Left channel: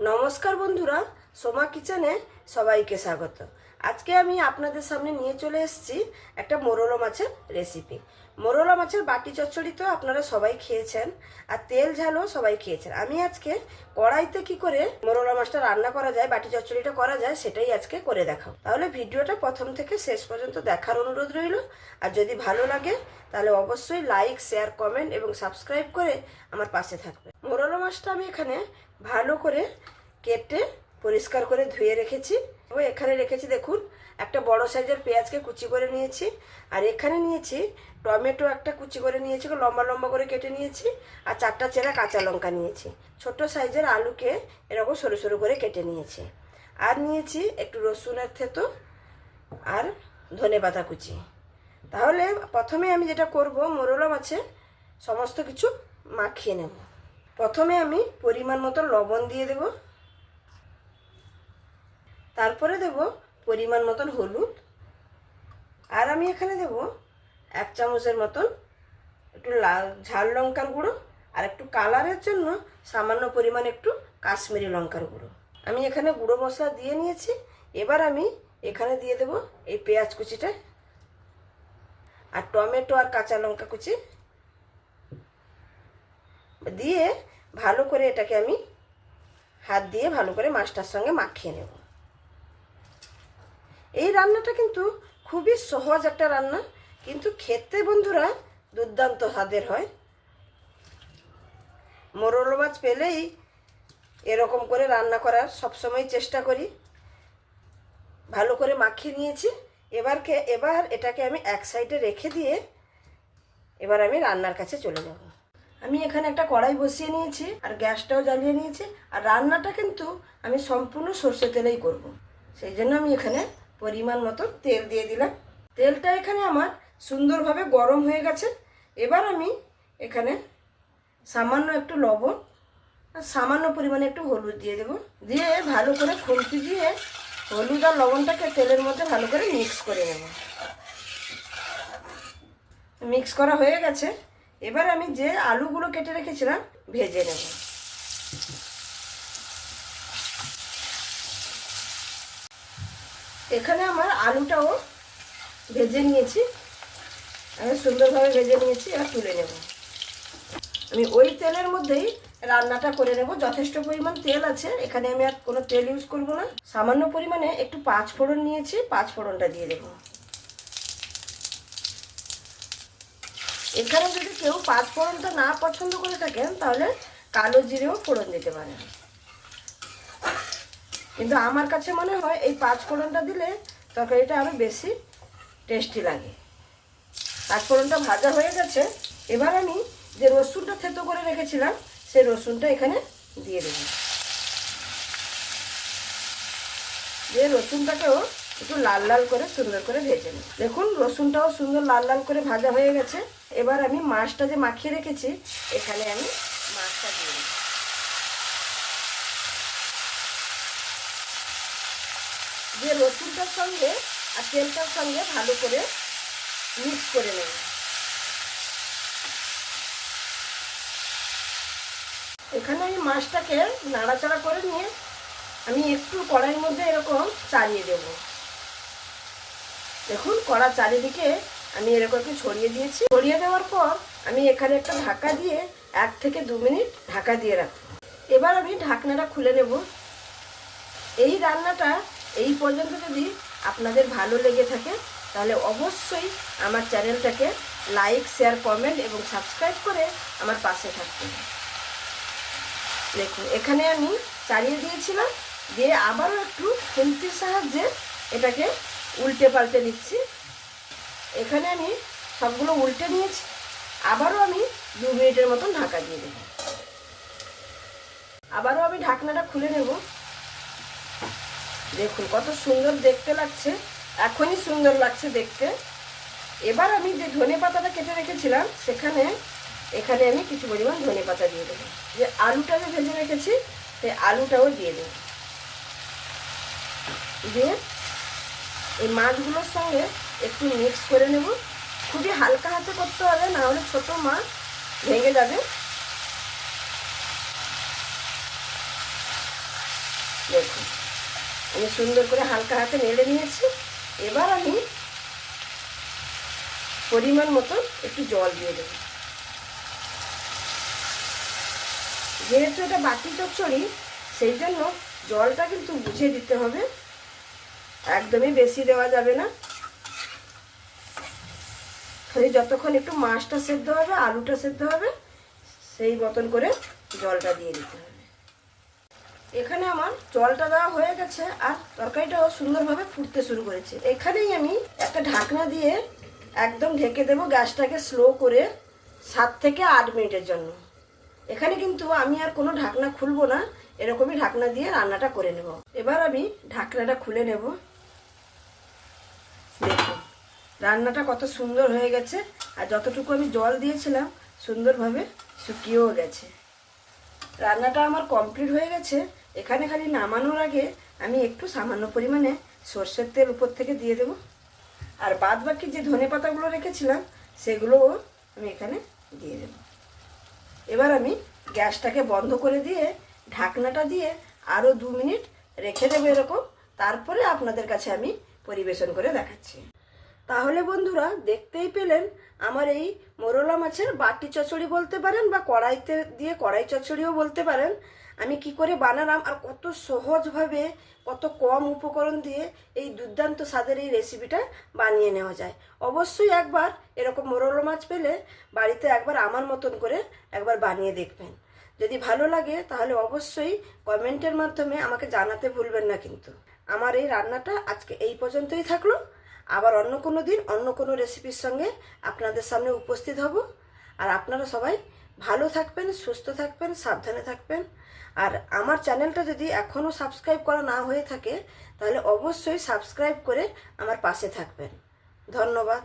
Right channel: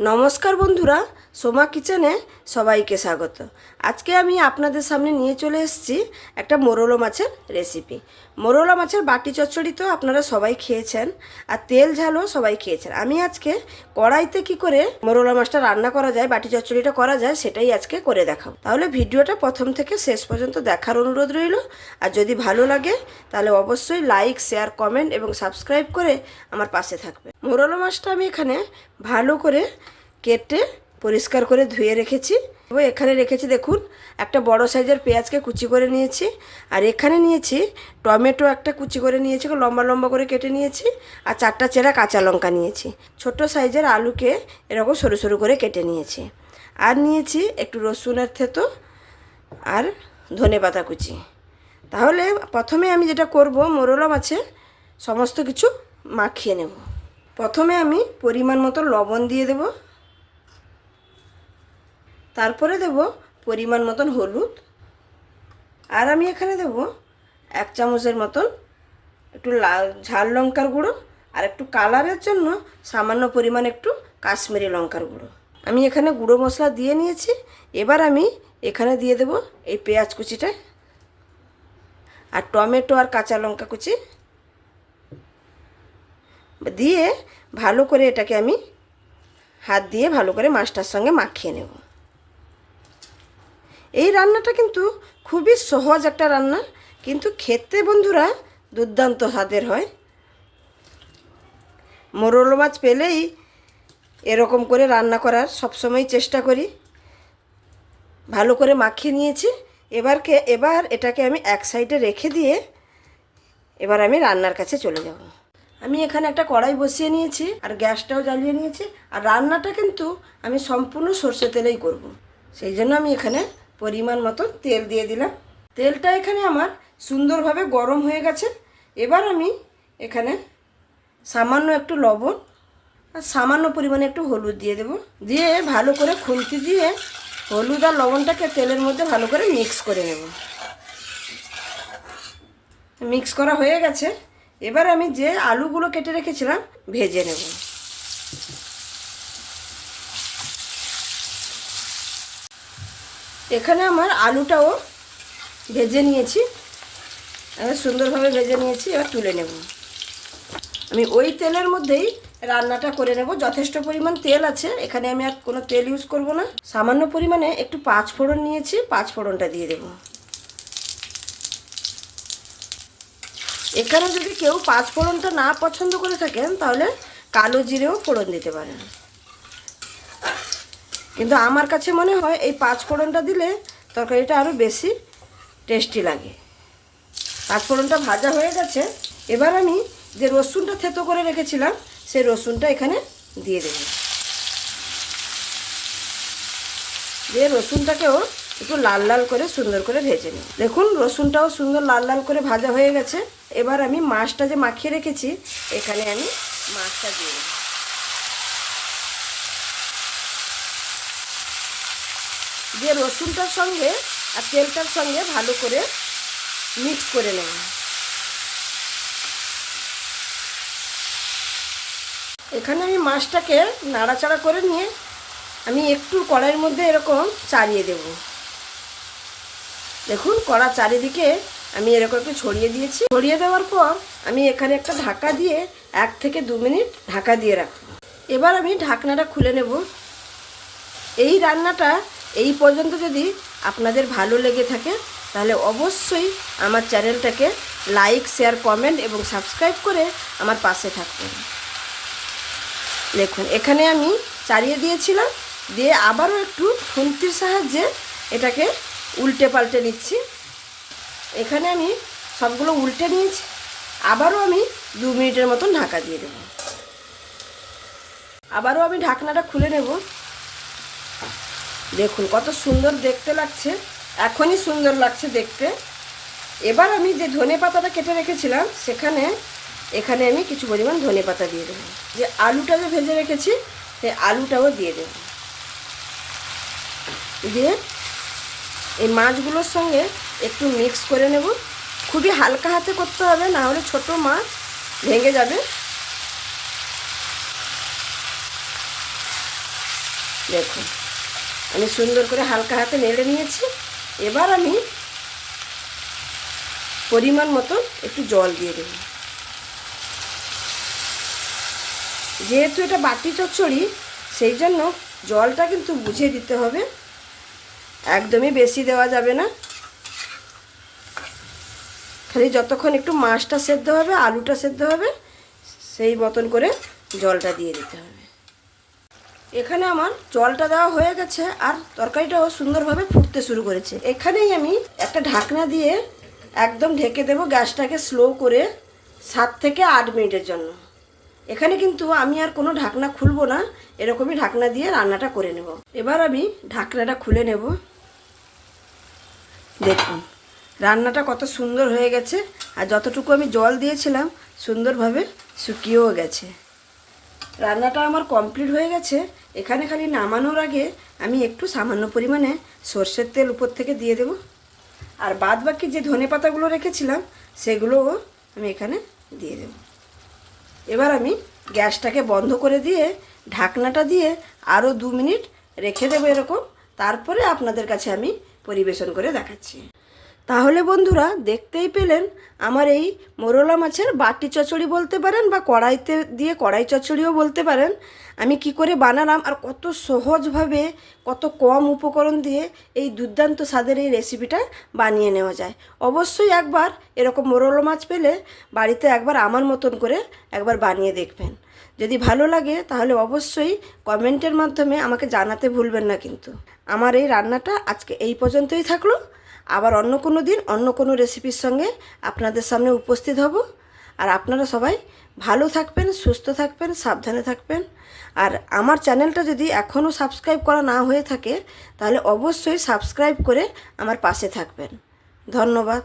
নমস্কার বন্ধুরা সোমা কিচেনে সবাইকে স্বাগত। আজকে আমি আপনাদের সামনে নিয়ে চলে এসেছি একটা মোরলো মাছের রেসিপি মোরলা মাছের বাটি চচ্চড়ি তো আপনারা সবাই খেয়েছেন, আর তেল ঝালও সবাই খেয়েছেন। আমি আজকে কড়াইতে কি করে মোরলা মাছটা রান্না করা যায়, বাটি চচ্চড়িটা করা যায়, সেটাই আজকে করে দেখাবো। তাহলে ভিডিওটা প্রথম থেকে শেষ পর্যন্ত দেখার অনুরোধ রইল। আর যদি ভালো লাগে, তাহলে অবশ্যই লাইক, শেয়ার, কমেন্ট এবং সাবস্ক্রাইব করে আমার পাশে থাকবে মোরলা মাছটা আমি এখানে ভালো করে কেটে পরিষ্কার করে ধুয়ে রেখেছি। এবং এখানে রেখেছি দেখুন, একটা বড় সাইজের পেঁয়াজকে কুচি করে নিয়েছি। আর এখানে নিয়েছি টমেটো একটা কুচি করে নিয়েছি লম্বা লম্বা করে কেটে নিয়েছি। আর চারটা চেরা কাঁচা লঙ্কা নিয়েছি। ছোট সাইজের আলুকে এরকম সরু সরু করে কেটে নিয়েছি। আর নিয়েছি একটু রসুনের থেতো আর ধনে পাতা কুচি। তাহলে প্রথমে আমি যেটা করব মোরলা মাছে সমস্ত কিছু মাখিয়ে নেব। প্রথমে আমি পরিমাণ মতো লবণ দিয়ে দেব। তারপরে দেব পরিমাণ মতন হলুদ। আর আমি এখানে দেব এক চামচের মতন একটু লাল, ঝাল লঙ্কার গুঁড়ো আর একটু কালারের জন্য সামান্য পরিমাণ একটু কাশ্মীরি লঙ্কার গুঁড়ো। আমি এখানে গুঁড়ো মশলা দিয়ে নিয়েছি। এবার আমি এখানে দিয়ে দেব এই পেঁয়াজ কুচিটা আর টমেটো আর কাঁচা লঙ্কা কুচি। দিয়ে ভালো করে এটাকে আমি হাত দিয়ে ভালো করে মাছটার সঙ্গে মাখিয়ে নেব। এই রান্নাটা কিন্তু খুবই সহজ একটা রান্না, কিন্তু খেতে বন্ধুরা দুর্দান্ত স্বাদের হয়। মোরল মাছ পেলেই এরকম করে রান্না করার সবসময় চেষ্টা করি। ভালো করে মাখিয়ে নিয়েছি। এবারকে এবার এটাকে আমি এক সাইডে রেখে দিয়ে এবার আমি রান্নার কাছে চলে যাব। আমি এখানে একটা কড়াই বসিয়ে নিয়েছি আর গ্যাসটাও জ্বালিয়ে নিয়েছি। আর রান্নাটা কিন্তু আমি সম্পূর্ণ সর্ষে তেলেই করব। সেই জন্য আমি এখানে পরিমাণ মতো তেল দিয়ে দিলাম। তেলটা এখানে আমার সুন্দরভাবে গরম হয়ে গেছে। এবার আমি এখানে সামান্য একটু লবণ আর সামান্য পরিমাণে একটু হলুদ দিয়ে দেব। দিয়ে ভালো করে খুন্তি দিয়ে হলুদ আর লবণটাকে তেলের মধ্যে ভালো করে মিক্স করে নেব। মিক্স করা হয়ে গেছে। এবার আমি যে আলুগুলো কেটে রেখেছিলাম, ভেজে নেব। এখানে আমার আলুটাও ভেজে নিয়েছি। আমি সুন্দরভাবে ভেজে নিয়েছি, এবার তুলে নেব। আমি ওই তেলের মধ্যেই রান্নাটা করে নেব। যথেষ্ট পরিমাণ তেল আছে, এখানে আমি আর কোনো তেল ইউজ করব না। সামান্য পরিমাণে একটু পাঁচ ফোড়ন নিয়েছি, পাঁচ ফোড়নটা দিয়ে দেব। এখানে যদি কেউ পাঁচ ফোড়নটা না পছন্দ করে থাকেন, তাহলে কালো জিরেও ফোড়ন দিতে পারেন। কিন্তু আমার কাছে মনে হয় এই পাঁচ ফোড়নটা দিলে তরকারিটা আরও বেশি টেস্টি লাগে। পাঁচ ফোড়নটা ভাজা হয়ে গেছে, এবার আমি যে রসুনটা থেতো করে রেখেছিলাম, সেই রসুনটা এখানে দিয়ে দেব। দিয়ে রসুনটাকেও একটু লাল লাল করে সুন্দর করে ভেজে নিই। দেখুন, রসুনটাও সুন্দর লাল লাল করে ভাজা হয়ে গেছে। এবার আমি মাছটা যে মাখিয়ে রেখেছি, এখানে আমি মাছটা দিয়ে দিয়ে রসুনটার সঙ্গে আর তেলটার সঙ্গে ভালো করে মিক্স করে নেব। এখানে আমি মাছটাকে নাড়াচাড়া করে নিয়ে আমি একটু কড়াইয়ের মধ্যে এরকম চালিয়ে দেব। দেখুন, কড়া চারিদিকে আমি এরকম একটু ছড়িয়ে দিয়েছি। ছড়িয়ে দেওয়ার পর আমি এখানে একটা ঢাকা দিয়ে এক থেকে দু মিনিট ঢাকা দিয়ে রাখব। এবার আমি ঢাকনাটা খুলে নেব। এই রান্নাটা এই পর্যন্ত যদি আপনাদের ভালো লেগে থাকে, তাহলে অবশ্যই আমার চ্যানেলটাকে লাইক, শেয়ার, কমেন্ট এবং সাবস্ক্রাইব করে আমার পাশে থাকবেন। দেখুন, এখানে আমি চালিয়ে দিয়েছিলাম, দিয়ে আবারও একটু খুন্তির সাহায্যে এটাকে উল্টে পাল্টে নিচ্ছি। এখানে আমি সবগুলো উল্টে নিয়েছি, আবারও আমি দু মিনিটের মতন ঢাকা দিয়ে দেব। আবারও আমি ঢাকনাটা খুলে নেব। দেখুন, কত সুন্দর দেখতে লাগছে, এখনই সুন্দর লাগছে দেখতে। এবার আমি যে ধনে পাতাটা কেটে রেখেছিলাম, সেখানে, এখানে আমি কিছু পরিমাণ ধনে পাতা দিয়ে দেবো। যে আলুটা ভেজে রেখেছি, সেই আলুটাও দিয়ে দেব। দিয়ে এই মাছগুলোর সঙ্গে একটু মিক্স করে নেব। খুবই হালকা হাতে করতে হবে, না হলে ছোটো মাছ ভেঙে যাবে। দেখুন। আমি সুন্দর করে হালকা হাতে নেড়ে নিয়েছি। এবার আমি পরিমাণ মতো একটু জল দিয়ে দেব। যেহেতু এটা বাটি চচ্চড়ি, সেই জন্য জলটা কিন্তু বুঝে দিতে হবে। একদমই বেশি দেওয়া যাবে না। খালি যতক্ষণ একটু মাছটা সেদ্ধ হবে, আলুটা সেদ্ধ হবে, সেই মতন করে জলটা দিয়ে দিতে হবে। এখানে আমার জলটা দেওয়া হয়ে গেছে আর তরকারিটাও সুন্দরভাবে ফুটতে শুরু করেছে। এখানেই আমি একটা ঢাকনা দিয়ে একদম ঢেকে দেবো গ্যাসটাকে স্লো করে সাত থেকে আট মিনিটের জন্য। এখানে কিন্তু আমি আর কোনো ঢাকনা খুলবো না, এরকমই ঢাকনা দিয়ে রান্নাটা করে নেব। এবার আমি ঢাকনাটা খুলে নেব। দেখুন, রান্নাটা কত সুন্দর হয়ে গেছে, আর যতটুকু আমি জল দিয়েছিলাম, সুন্দরভাবে শুকিয়েও গেছে। রান্নাটা আমার কমপ্লিট হয়ে গেছে। এখানে খালি নামানোর আগে আমি একটু সামান্য পরিমাণে সর্ষের তেল উপর থেকে দিয়ে দেবো। আর বাদ বাকি যে ধনে পাতাগুলো রেখেছিলাম, সেগুলোও আমি এখানে দিয়ে দেবো। এবার আমি গ্যাসটাকে বন্ধ করে দিয়ে ঢাকনাটা দিয়ে আরও দু মিনিট রেখে দেবো এরকম। তারপরে আপনাদের কাছে আমি পরিবেশন করে দেখাচ্ছি। তাহলে বন্ধুরা দেখতেই পেলেন আমার এই মোরলা মাছের বাটি চচ্চড়ি বলতে পারেন বা কড়াইতে দিয়ে কড়াই চচ্চড়িও বলতে পারেন। আমি কি করে বানালাম আর কত সহজভাবে, কত কম উপকরণ দিয়ে এই দুর্দান্ত স্বাদের এই রেসিপিটা বানিয়ে নেওয়া যায়। অবশ্যই একবার এরকম মোরলা মাছ পেলে বাড়িতে একবার আমার মতন করে একবার বানিয়ে দেখবেন। যদি ভালো লাগে তাহলে অবশ্যই কমেন্টের মাধ্যমে আমাকে জানাতে ভুলবেন না কিন্তু। আমার এই রান্নাটা আজকে এই পর্যন্তই থাকল। আবার অন্য কোনো দিন, অন্য কোনো রেসিপির সঙ্গে আপনাদের সামনে উপস্থিত হব। আর আপনারা সবাই ভালো থাকবেন, সুস্থ থাকবেন, সাবধানে থাকবেন। আর আমার চ্যানেলটা যদি এখনও সাবস্ক্রাইব করা না হয়ে থাকে, তাহলে অবশ্যই সাবস্ক্রাইব করে আমার পাশে থাকবেন। ধন্যবাদ।